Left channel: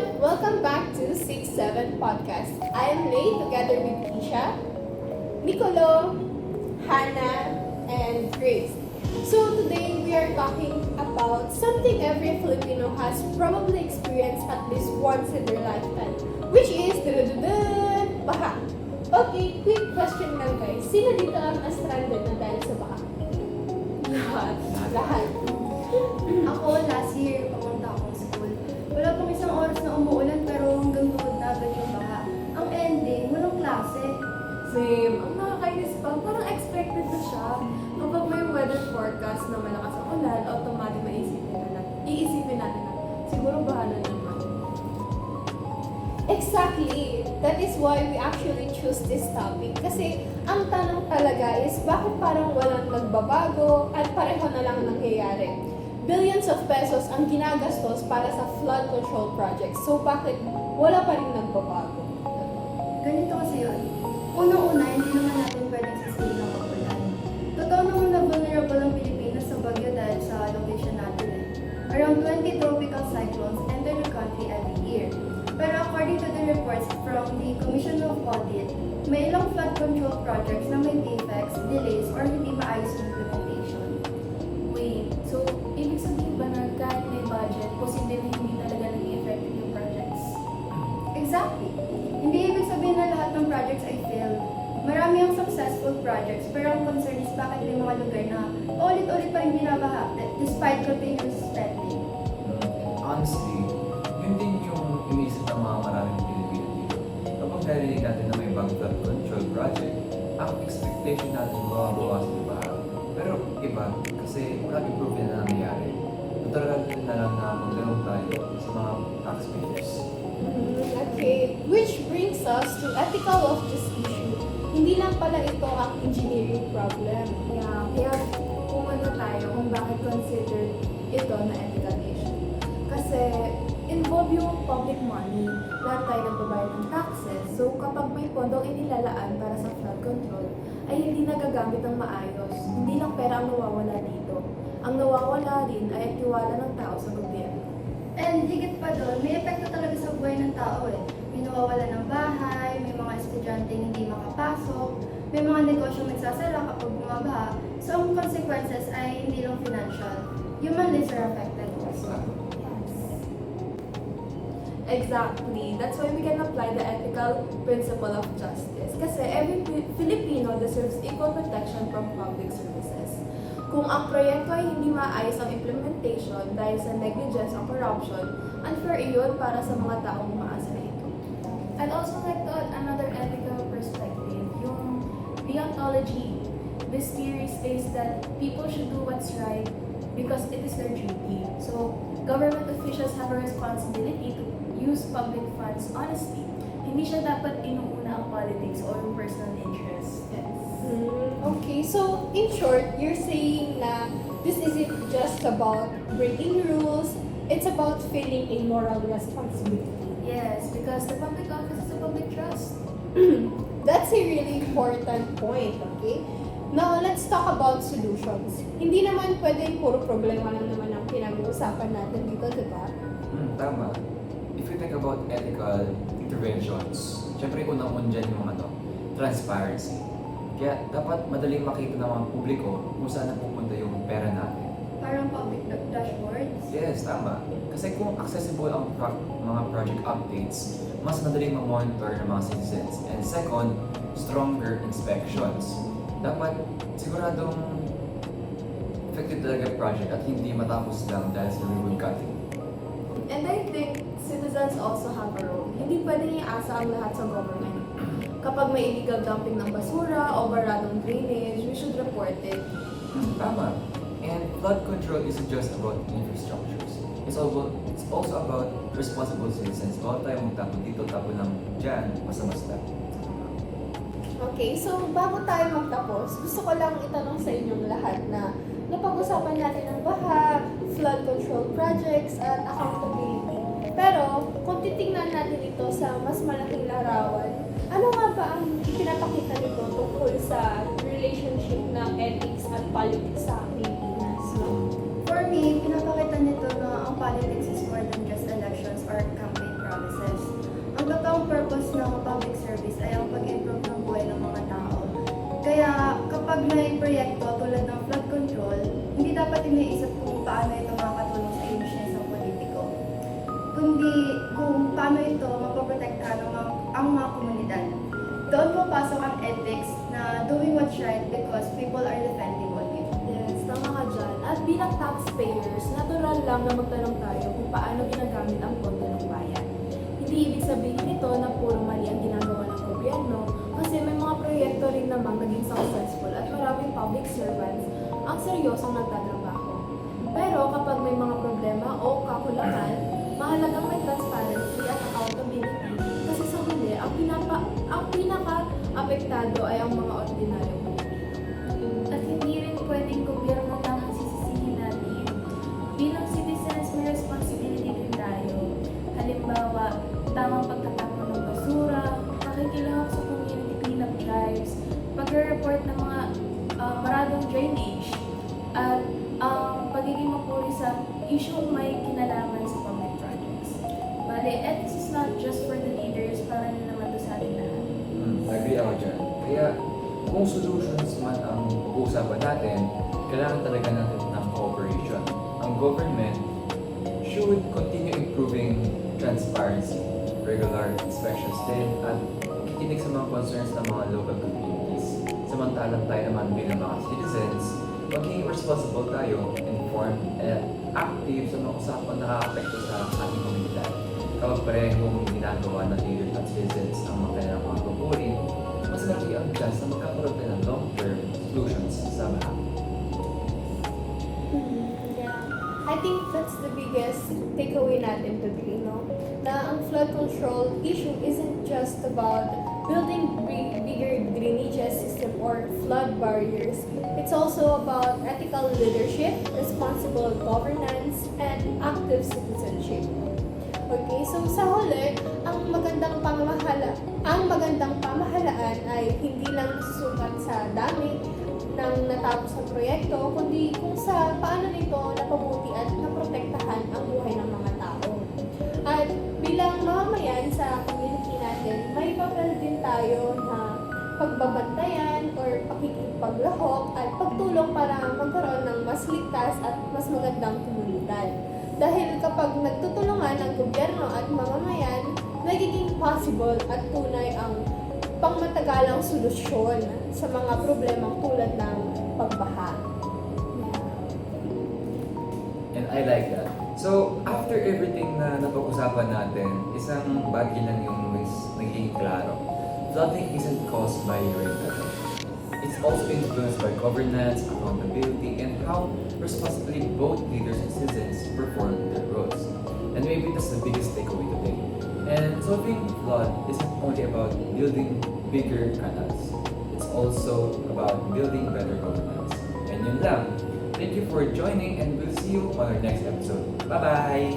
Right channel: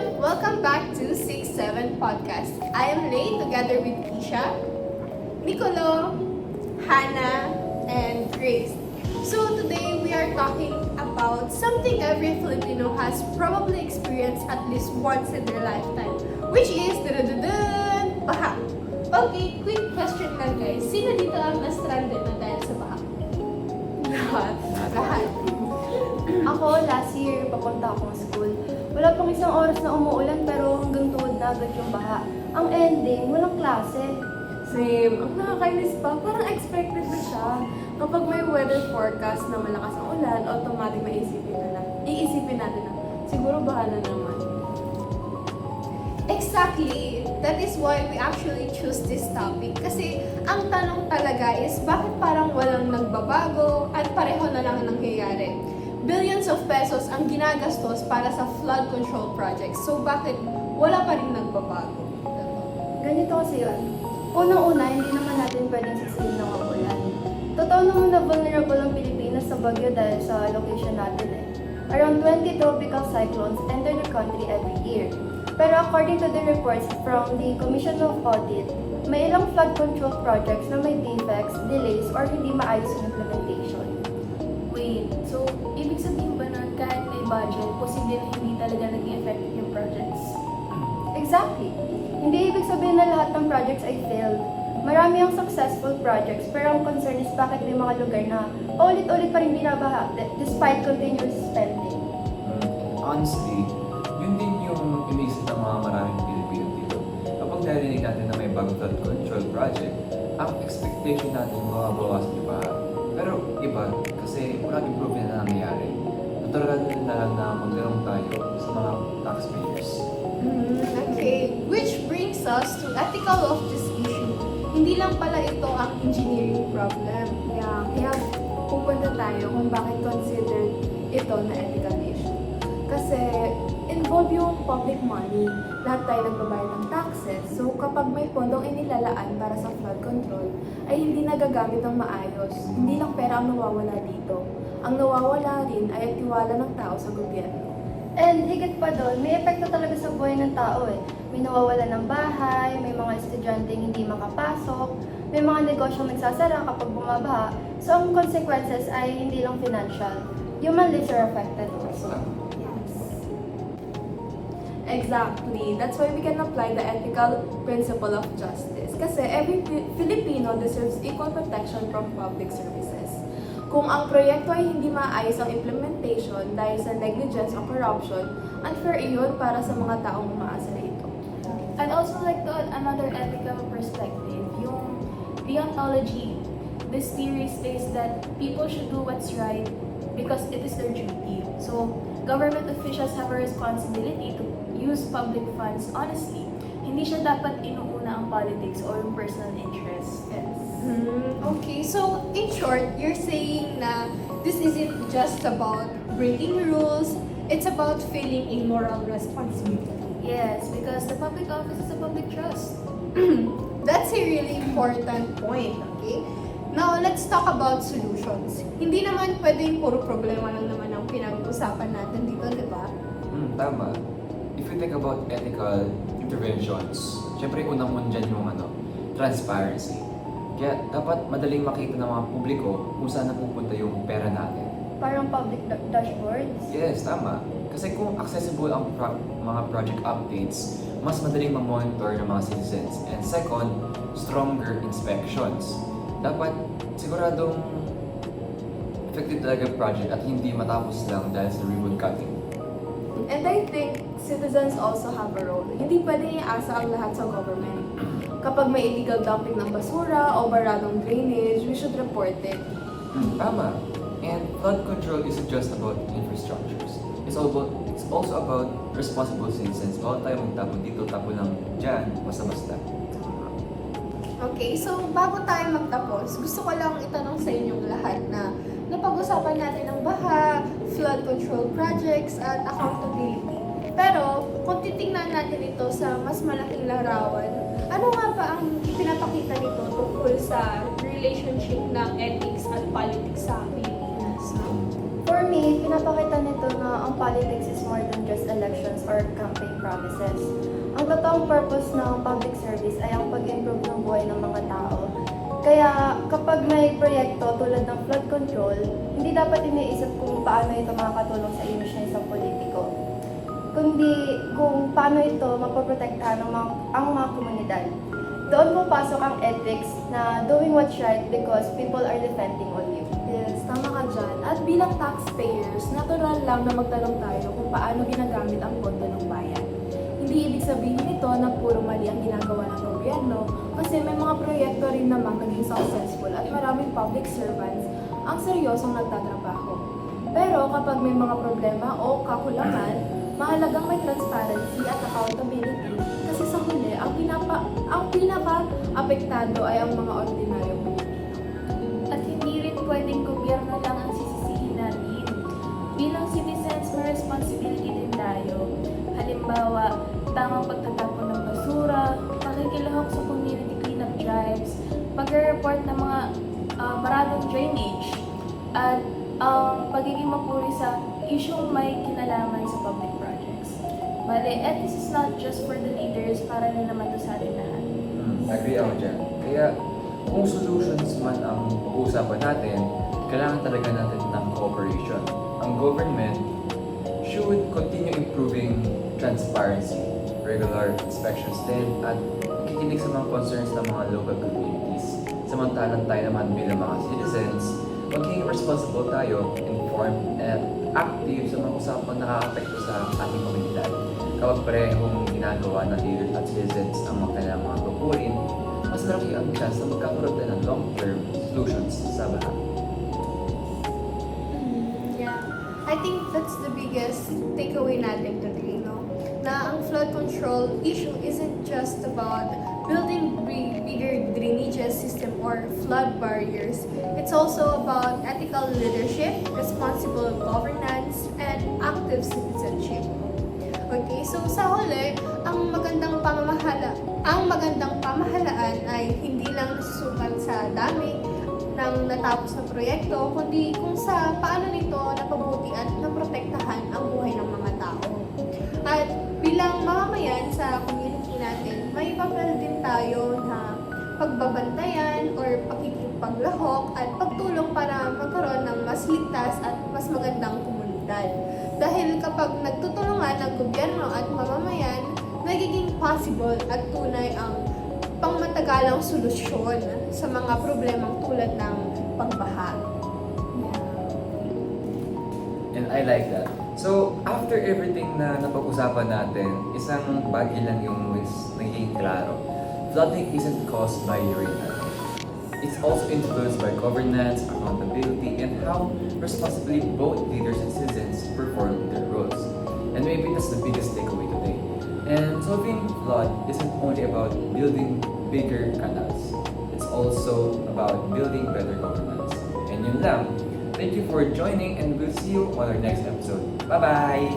everyone! Welcome back to 6-7 Podcast. I am Lay together with Keisha, Nicolo, Hannah, and Grace. So today we are talking about something every Filipino has probably experienced at least once in their lifetime, which is baha. Okay, quick question lang guys. Sino dito ang na-stranded na dahil sa baha? Lahat. Ako, last year, papunta ako sa school. Wala pang isang oras na umuulan pero hanggang tuhod na agad yung baha. Ang ending, walang klase. Same. Ang nakakainis pa, parang expected na siya. Kapag may weather forecast na malakas ang ulan, automatic na iisipin natin na siguro bahala naman. Exactly. That is why we actually choose this topic. Kasi ang tanong talaga is bakit parang walang nagbabago at pareho na lang nangyayari. Billions of pesos ang ginagastos para sa flood control projects. So bakit wala pa rin nagbabago? Ganito kasi yun. Unang-una, hindi naman natin pwedeng sustain ng ulan. Totoo naman na vulnerable ang Pilipinas sa bagyo dahil sa location natin eh. Around 20 tropical cyclones enter the country every year. Pero according to the reports from the Commission of Audit, may ilang flood control projects na may defects, delays, or hindi maayos yung implementation. Wait, so ibig sabihin ba na kahit may budget, posible hindi talaga naging effective yung projects? Exactly. Hindi ibig sabihin na lahat ng projects ay failed. Marami ang successful projects, pero ang concern is bakit may mga lugar na ulit-ulit pa rin binabaha despite continuous spending. Honestly, yun din yung iniisip ng mga maraming Pilipino dito. Kapag narinig natin na may bagong flood control project, ang expectation natin mababawas, di ba? Pero iba, kasi walang improvement na nangyayari. Nataragan na lang na magtanong tayo sa mga taxpayers. Okay. Which brings us to ethical of this issue. Hindi lang pala ito ang engineering problem. Kaya pupunta tayo kung bakit considered ito na ethical issue. Kasi involve yung public money. Lahat tayo nagbabayad ng taxes. So kapag may pondong inilalaan para sa flood control, ay hindi nagagamit ng maayos. Hindi lang pera ang nawawala dito. Ang nawawala din ay tiwala ng tao sa gobyerno. And higit pa doon, may epekto talaga sa buhay ng tao eh. May nawawala ng bahay, may mga estudyante hindi makapasok, may mga negosyo nagsasara kapag bumabaha. So ang consequences ay hindi lang financial. Human lives are affected also. Exactly. That's why we can apply the ethical principle of justice. Kasi every Filipino deserves equal protection from public services. Kung ang proyekto ay hindi maayos ang implementation dahil sa negligence o corruption, unfair iyon para sa mga taong umaasa rito. I'd also like to add another ethical perspective, yung deontology. This theory states that people should do what's right because it is their duty. So, government officials have a responsibility to use public funds honestly. Hindi siya dapat inuuna ang politics or yung personal interest. Yes. Okay, so in short, you're saying na this isn't just about breaking rules, it's about feeling a moral responsibility. Yes, because the public office is a public trust. That's a really important point, okay? Now, let's talk about solutions. Hindi naman pwedeng puro problema lang naman ang pinag-uusapan natin dito, di ba? Tama. If you think about ethical interventions, syempre unang mo dyan yung transparency. Kaya dapat madaling makita ng mga publiko kung saan napupunta yung pera natin. Parang public dashboards. Yes, tama. Kasi kung accessible ang mga project updates, mas madaling ma-monitor ng mga citizens. And second, stronger inspections. Dapat siguradong effective talaga yung project at hindi matapos lang dahil sa ribbon cutting. And I think citizens also have a role. Hindi pwedeng iasa ang lahat sa government. Kapag may illegal dumping ng basura o baradong drainage, we should report it. Tama. And flood control isn't just about infrastructures. It's also about responsible citizens. Bawat tayo magtapon dito, tapon lang dyan, basta-basta. Okay, so bago tayo magtapos, gusto ko lang itanong sa inyong lahat na napag-usapan natin ang baha, flood control projects, at accountability. Pero, kung titingnan natin ito sa mas malaking larawan, ano nga ba ang pinapakita nito tungkol sa relationship ng ethics at politics sa Pilipinas? No? For me, pinapakita nito na ang politics is more than just elections or campaign promises. kapag may proyekto tulad ng flood control, hindi dapat iniisip kung paano ito makakatulong sa emisyon sa politiko, kundi kung paano ito mapoprotektahan ang mga komunidad. Doon pupasok ang ethics na doing what's right because people are depending on you. Yes, tama ka dyan. At bilang taxpayers, natural lang na magtanong tayo kung paano ginagamit ang pondo ng bayan. Hindi ibig sabihin ito na puro mali ang ginagawa ng gobyerno kasi may mga proyekto rin namang naging successful at maraming public servants ang seryosong nagtatrabaho. Pero kapag may mga problema o kakulangan, mahalagang may transparency at accountability kasi sa huli, ang pinaka-apektado ay ang mga ordinaryong Pilipino. At hindi rin pwedeng gobyerno lang ang sisisihin natin. Bilang citizens, may responsibility din tayo. Halimbawa, tamang pagtatapon ng basura, pakikilahok sa community cleanup drives, magre-report ng mga maraming drainage, at pagiging mapuri sa isyong may kinalaman sa public projects. Bale, ethics is not just for the leaders, para rin naman to sa ating lahat. Agree ako dyan. Kaya kung solutions man ang usapan natin, kailangan talaga natin ng cooperation. Ang government should continue improving transparency, regular inspections din, at kikinig sa mga concerns ng mga local communities. Samantalang tayo naman bilang mga citizens, maging responsible tayo, informed, at active sa mga usapang nakaka-apekto sa ating komunidad. Kapag parehong ginagawa ng leaders at citizens ang mga kailangang mga tukurin, mas laki ang chance na magkakaroon tayo ng long-term solutions sa bahay. Yeah. I think that's the biggest takeaway natin today, no? Na ang flood control issue isn't just about building bigger drainage system or flood barriers. It's also about ethical leadership, responsible governance, and active citizenship. Okay, so sa huli, ang magandang pamahalaan ay hindi lang nasusukat sa dami ng natapos na proyekto, kundi kung sa paano nito napabuti at naprotektahan ang buhay ng mga tao. At bilang mamamayan sa community natin, may papel din tayo na pagbabantayan or pakikipaglahok at pagtulong para magkaroon ng mas ligtas at mas magandang komunidad. Dahil kapag nagtutulungan ang gobyerno at mamamayan, nagiging possible at tunay ang pangmatagalang solusyon sa mga problemang tulad ng pagbaha. And I like that. So, after everything na napag-usapan natin, isang bagay lang yung naging klaro. Flooding isn't caused by rain alone. It's also influenced by governance, accountability, and how responsibly both leaders and citizens perform their roles. And maybe that's the biggest takeaway today. And solving flood isn't only about building bigger canals. It's also about building better governance. And yun lang. Thank you for joining, and we'll see you on our next episode. Bye-bye!